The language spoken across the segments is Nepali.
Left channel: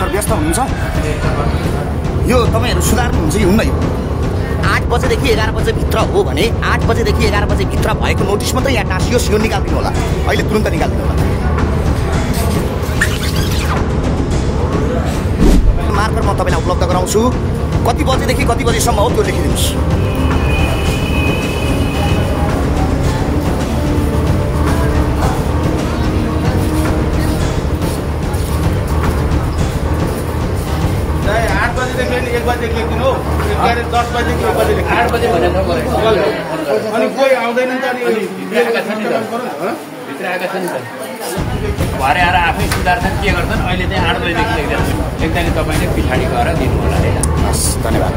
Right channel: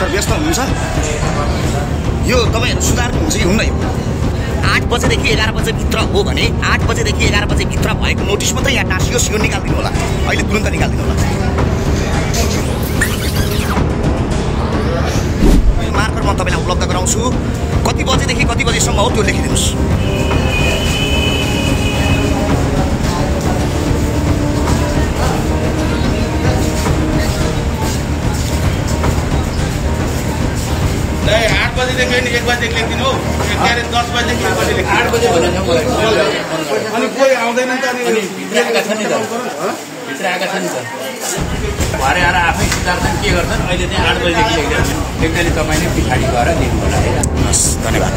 सर व्यस्त हुनुहुन्छ यो तपाईहरु सुधार्नुहुन्छ कि हुन्न यो 8 बजेदेखि 11 बजे भित्र हो भने 8 बजेदेखि 11 बजे भित्र भएको नोटिस मात्रै यहाँ टाँसियोस् यो निकाल्दिनु होला अहिले तुरुन्त निकाल्दिनु होला मार्कर म तपाईलाई उपलब्ध गराउँछु कति बजेदेखि कति बजेसम्म हो त्यो लेखिदिनुस् देखिए 1 बजे लेखिदिनु हो 10 बजे 1 बजे लेखिदिनु 8 बजे भनेछ अनि कोही आउँदैन नि त अनि भित्रका छन् नि त भित्रका छन् नि त भरे आएर आफै सुधार्छन् के गर्छन् अहिले चाहिँ 8 बजे देखि लेख्दा नि तपाईले पछाडी गएर दिनु होला है हस् धन्यवाद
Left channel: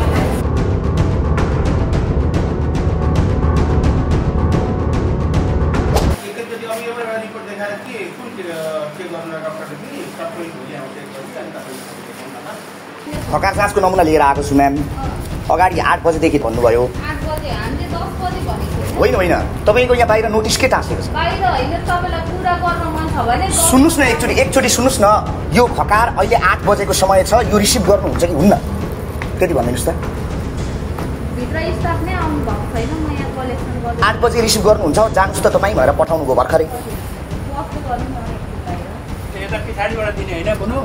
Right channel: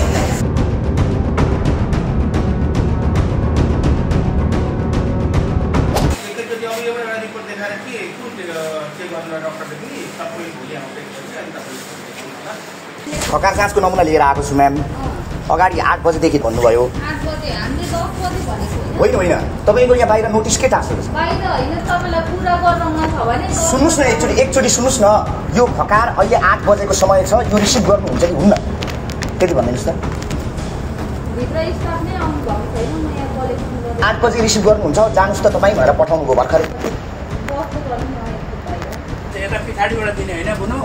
एकैचोटि अब एउटा रिपोर्ट देखाएर के गर्न डाक्टरले पनि सबै भुइँ आउँदै छ अनि तपाईले खकार जाँचको नमुना लिएर आएको छु म्याम अगाडि 8 बजेदेखि भन्नुभयो 8 बजे हामीले 10 बजे भनेको होइन होइन तपाईको यहाँ बाहिर नोटिस के टाँसेको छ बाहिर हैन तपाईलाई पूरा गर्न मन छ भने सुन्नुस् न एकचोटी सुन्नुस् न यो खकार अहिले 8 बजेको समय छ यो रिसिभ गर्नुहुन्छ कि हुन्न त्यति भन्दिनुस् त भित्र स्टाफ नै आउनु भएको छैन म यहाँ कलेक्सन गर्दै 8 बजे रिसिभ गर्नुहुन्छ जानुस् त तपाई भएर पठाउनु गयो भर्खरै बस्नु गर्नु न यता पछाडीबाट दिने हैन बुनु